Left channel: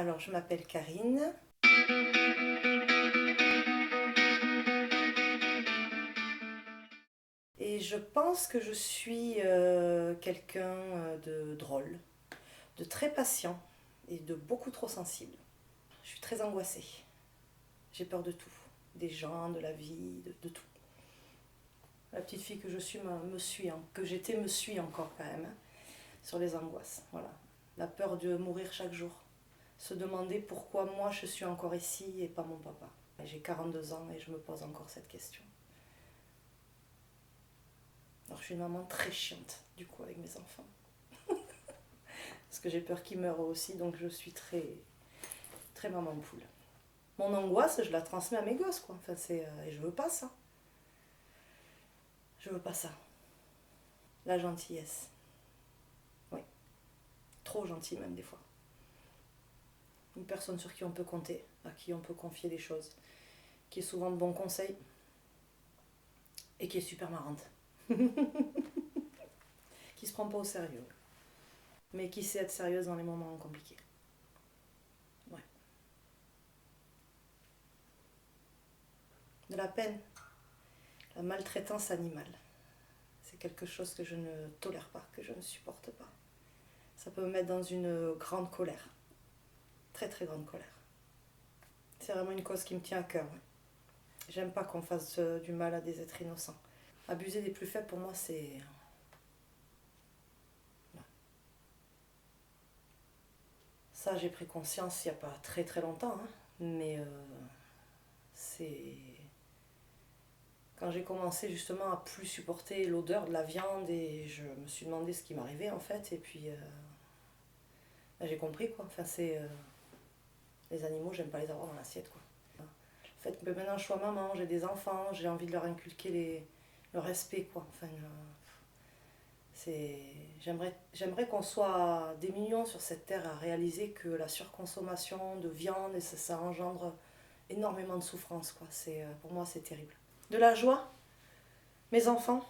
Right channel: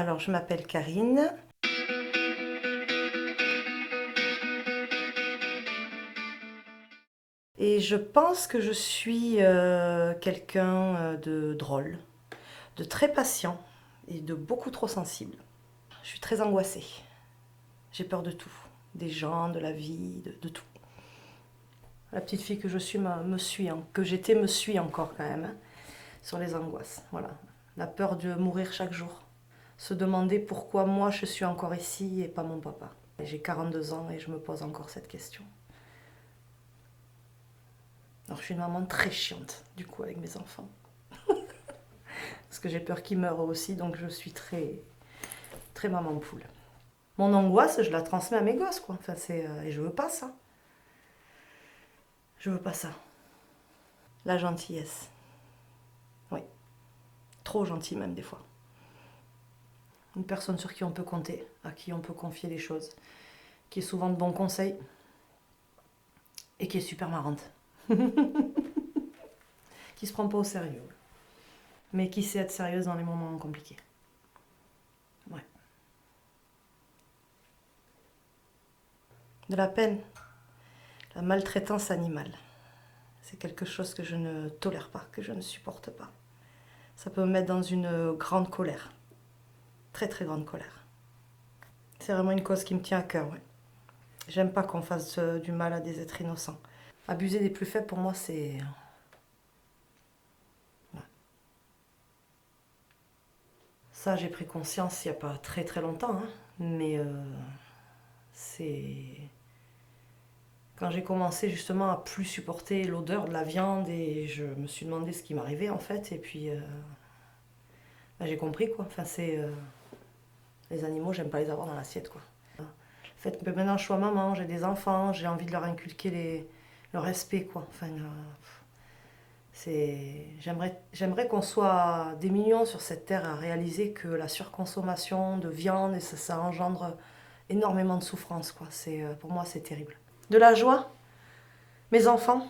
Alors, je m'appelle Karine. Et je pense que je suis quelqu'un de drôle, de très patient et de beaucoup trop sensible. Je suis très angoissée. J'ai peur de tout. Des gens, de la vie, de tout. La petite fille que je suis que j'étais me suit encore quand même, hein, sur les angoisses. Voilà. La peur de mourir chaque jour. Se demander pourquoi moi je suis encore ici et pas mon papa. J'ai 42 ans et je me pose encore cette question. Alors je suis une maman très chiante, du coup, avec mes enfants. Parce que j'ai peur qu'ils meurent aussi, donc je suis très, très maman poule. Mon angoisse, je la transmets à mes gosses, quoi. Enfin, et je veux pas ça. Je veux pas ça. La gentillesse. Oui. Trop gentil même des fois. Une personne sur qui on peut compter, à qui on peut confier des choses, qui est souvent de bons conseils et qui est super marrante. Qui se prend pas au sérieux, mais qui sait être sérieuse dans les moments compliqués. Ouais. De la peine. La maltraitance animale. C'est quelque chose que je ne tolère pas, que je ne supporte pas. Ça peut me mettre dans une grande colère. Très très grande colère. C'est vraiment une cause qui me tient à cœur, ouais. J'aime pas qu'on fasse du mal à des êtres innocents. Abuser des plus faibles, pour moi, c'est... Ouais. Ça, j'ai pris conscience il n'y a pas très très longtemps, hein. Mais c'est... Quand j'ai commencé justement à plus supporter l'odeur de la viande et je me suis demandé ce qui m'arrivait en fait. Et puis bah, j'ai compris quoi. Enfin, les animaux, j'aime pas les avoir dans l'assiette quoi. Le fait que maintenant je sois maman, j'ai des enfants, j'ai envie de leur inculquer le respect quoi. Enfin, j'aimerais qu'on soit des millions sur cette terre à réaliser que la surconsommation de viande, et ça engendre énormément de souffrance quoi. Pour moi c'est terrible. De la joie, mes enfants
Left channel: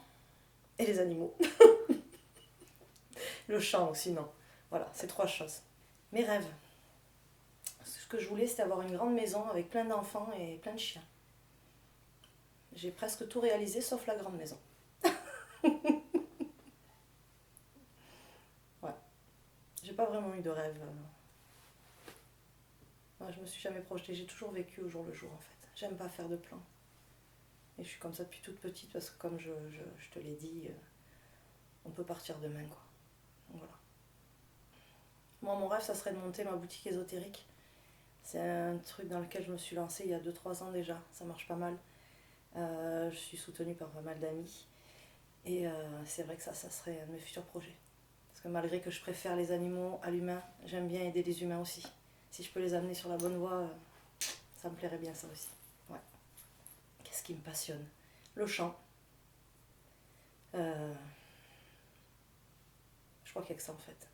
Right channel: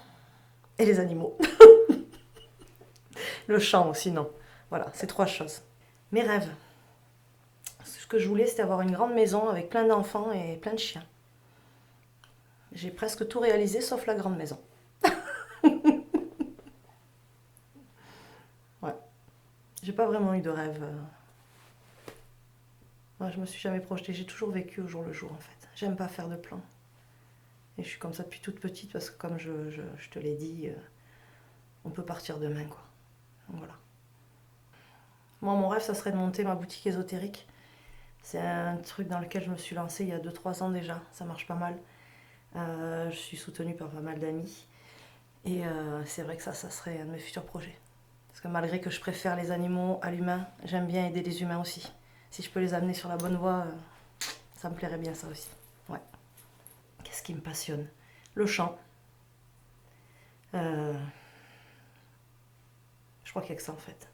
et les animaux. Le chant aussi, non. Voilà, ces trois choses. Mes rêves. Ce que je voulais, c'était avoir une grande maison avec plein d'enfants et plein de chiens. J'ai presque tout réalisé sauf la grande maison. Ouais. J'ai pas vraiment eu de rêve. Moi, je me suis jamais projetée. J'ai toujours vécu au jour le jour, en fait. J'aime pas faire de plans. Et je suis comme ça depuis toute petite parce que, comme je te l'ai dit, on peut partir demain, quoi. Donc, voilà. Moi, mon rêve, ça serait de monter ma boutique ésotérique. C'est un truc dans lequel je me suis lancée il y a 2-3 ans déjà. Ça marche pas mal. Je suis soutenue par pas mal d'amis. Et c'est vrai que ça serait un de mes futurs projets. Parce que malgré que je préfère les animaux à l'humain, j'aime bien aider les humains aussi. Si je peux les amener sur la bonne voie, ça me plairait bien ça aussi. Ouais. Qu'est-ce qui me passionne? Le chant. Euh, je crois qu'il n'y a que ça en fait.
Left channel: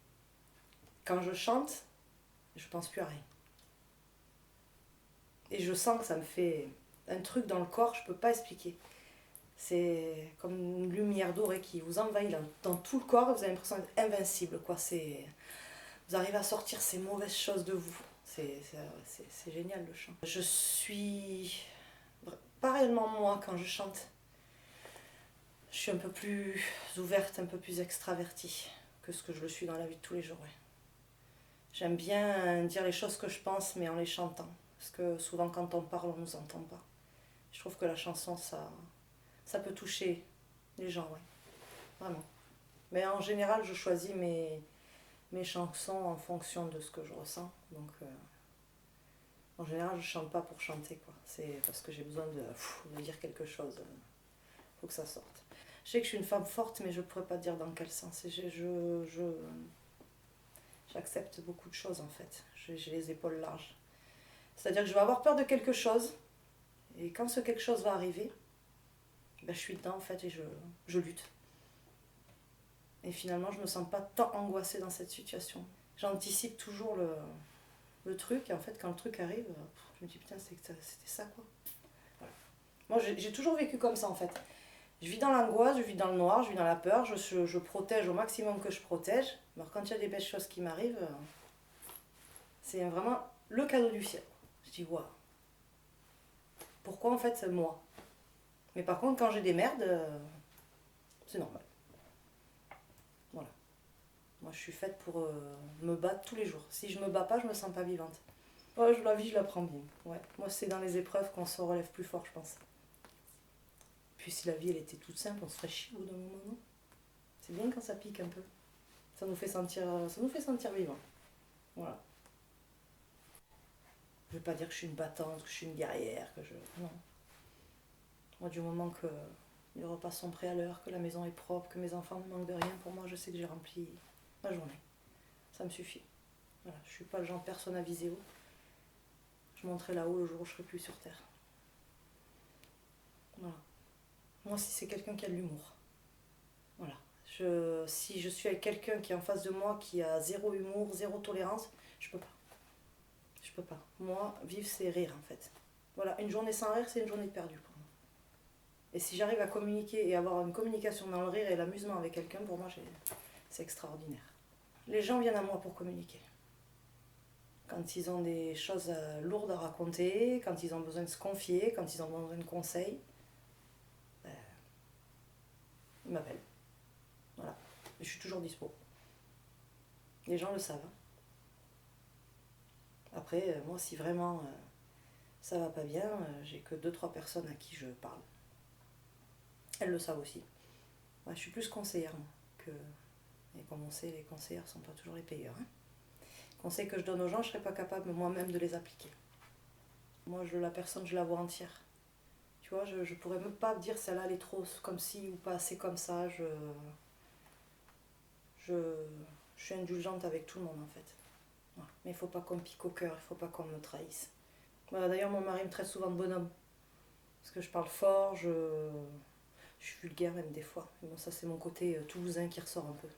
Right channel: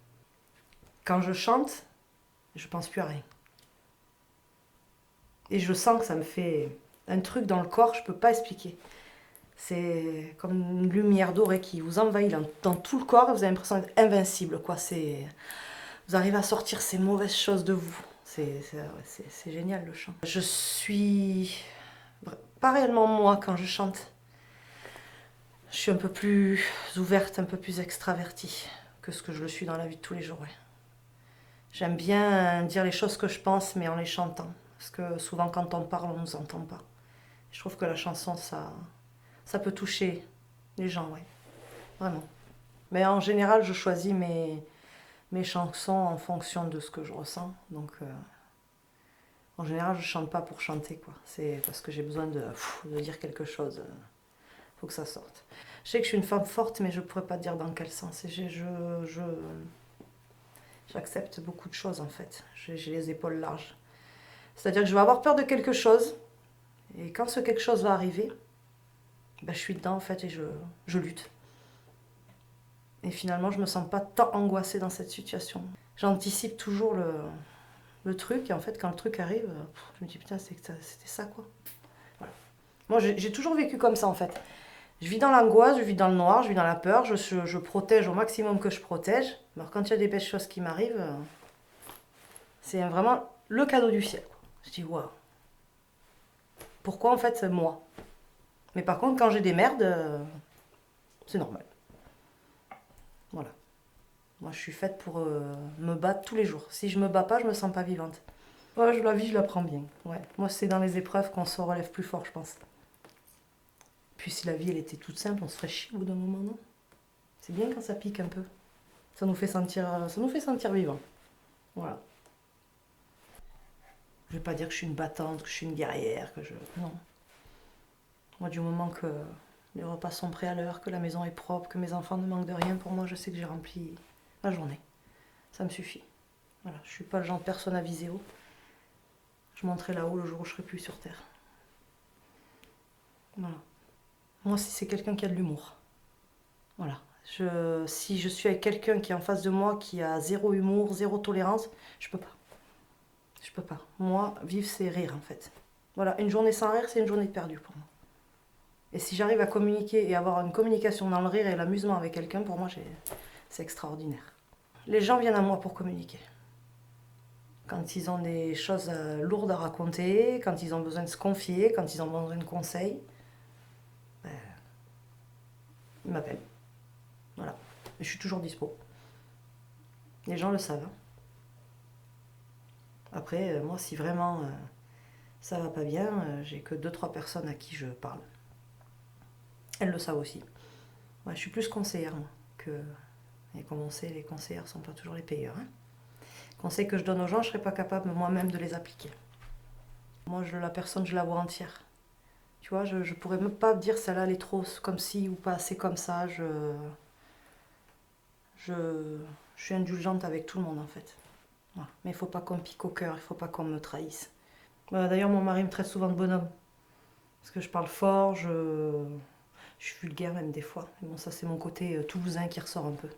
Quand je chante, je pense plus à rien. Et je sens que ça me fait un truc dans le corps, je peux pas expliquer. C'est comme une lumière dorée qui vous envahit dans tout le corps, vous avez l'impression d'être invincible. Quoi. Vous arrivez à sortir ces mauvaises choses de vous. C'est génial le chant. Je suis pas réellement moi quand je chante. Je suis un peu plus ouverte, un peu plus extravertie que ce que je le suis dans la vie de tous les jours. Ouais. J'aime bien dire les choses que je pense, mais en les chantant. Parce que souvent quand on parle, on ne nous entend pas. Je trouve que la chanson, ça peut toucher les gens, oui. Vraiment. Mais en général, je choisis mes chansons en fonction de ce que je ressens. Donc, en général, je chante pas pour chanter, quoi. C'est parce que j'ai besoin de dire quelque chose. Faut que ça sorte. Je sais que je suis une femme forte, mais je pourrais pas dire dans quel sens. Et j'accepte beaucoup de choses, en fait. J'ai les épaules larges. C'est-à-dire que je vais avoir peur de quelque chose. Et quand ce quelque chose va arriver, ben, je suis dedans, en fait, et je lutte. Et finalement, je me sens pas tant angoissée dans cette situation. J'anticipe toujours le truc, et en fait, quand le truc arrive, je me dis putain, c'était ça quoi. Voilà. Moi, j'ai toujours vécu comme ça en fait. Je vis dans l'angoisse, je vis dans le noir, je vis dans la peur, je protège au maximum que je protège. Alors, quand il y a des belles choses qui m'arrivent, C'est vraiment le cadeau du ciel. Je dis, waouh. Pourquoi en fait moi? Mais par contre, quand j'ai des merdes, c'est normal. Voilà. Moi, je suis faite pour me battre tous les jours. Si je me bats pas, je me sens pas vivante. Ouais, la vie, je la prends bien. Ouais. Moi, c'est dans les épreuves qu'on se relève plus fort, je pense. Puis si la vie, elle était toute simple, on se ferait chier au bout d'un moment, non? C'est bien quand ça pique un peu. Ça nous fait sentir vivant. Voilà. Je vais pas dire que je suis une battante, que je suis une guerrière, que je... Non. Moi, du moment que les repas sont prêts à l'heure, que la maison est propre, que mes enfants ne manquent de rien, pour moi, je sais que j'ai rempli ma journée. Ça me suffit. Voilà. Je suis pas le genre de personne à viser haut. Je monterai là-haut le jour où je serai plus sur Terre. Voilà. Moi, si c'est quelqu'un qui a de l'humour. Voilà. Si je suis avec quelqu'un qui est en face de moi, qui a zéro humour, zéro tolérance, je peux pas. Je peux pas. Moi, vivre, c'est rire, en fait. Voilà, une journée sans rire, c'est une journée perdue pour moi. Et si j'arrive à communiquer et avoir une communication dans le rire et l'amusement avec quelqu'un, pour moi, c'est extraordinaire. Les gens viennent à moi pour communiquer. Quand ils ont des choses lourdes à raconter, quand ils ont besoin de se confier, quand ils ont besoin de conseils, ben, ils m'appellent. Voilà. Et je suis toujours dispo. Les gens le savent. Hein. Après, moi, si vraiment ça va pas bien, j'ai que 2-3 personnes à qui je parle. Elles le savent aussi. Ouais, je suis plus conseillère, moi, que... Et comme on sait, les conseillères ne sont pas toujours les payeurs. Hein. Conseils que je donne aux gens, je ne serais pas capable moi-même de les appliquer. Moi, la personne, je la vois entière. Tu vois, je ne pourrais même pas dire celle-là, elle est trop comme ci ou pas assez comme ça. Je, je suis indulgente avec tout le monde, en fait. Voilà. Mais il ne faut pas qu'on me pique au cœur, il ne faut pas qu'on me trahisse. Voilà, d'ailleurs, mon mari me traite souvent de bonhomme. Parce que je parle fort, je suis vulgaire même des fois. Mais bon, ça, c'est mon côté toulousain qui ressort un peu.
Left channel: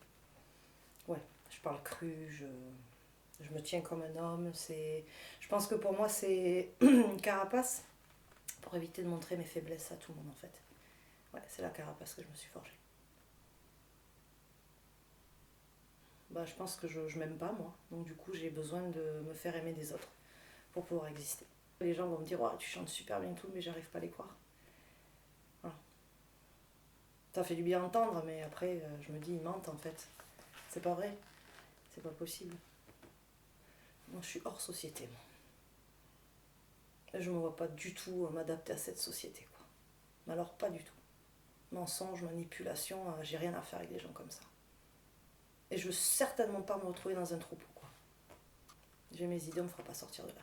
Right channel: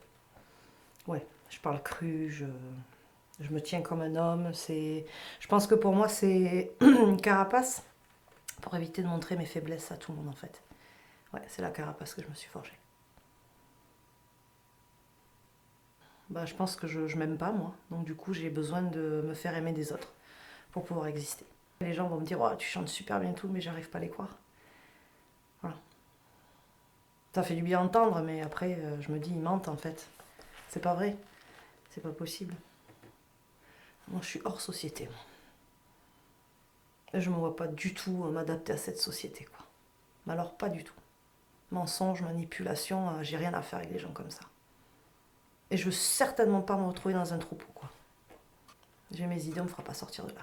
Ouais, je parle cru, je me tiens comme un homme. Je pense que pour moi, c'est une carapace pour éviter de montrer mes faiblesses à tout le monde, en fait. Ouais, c'est la carapace que je me suis forgée. Bah, je pense que je m'aime pas, moi. Donc, du coup, j'ai besoin de me faire aimer des autres pour pouvoir exister. Les gens vont me dire, oh, tu chantes super bien tout, mais j'arrive pas à les croire. Voilà. Ça fait du bien entendre, mais après, je me dis, ils mentent, en fait. C'est pas vrai. C'est pas possible. Moi, je suis hors société, moi. Et je ne me vois pas du tout m'adapter à cette société, quoi. Mais alors, pas du tout. Mensonge, manipulation, j'ai rien à faire avec des gens comme ça. Et je veux certainement pas me retrouver dans un troupeau, quoi. J'ai mes idées, on me fera pas sortir de là.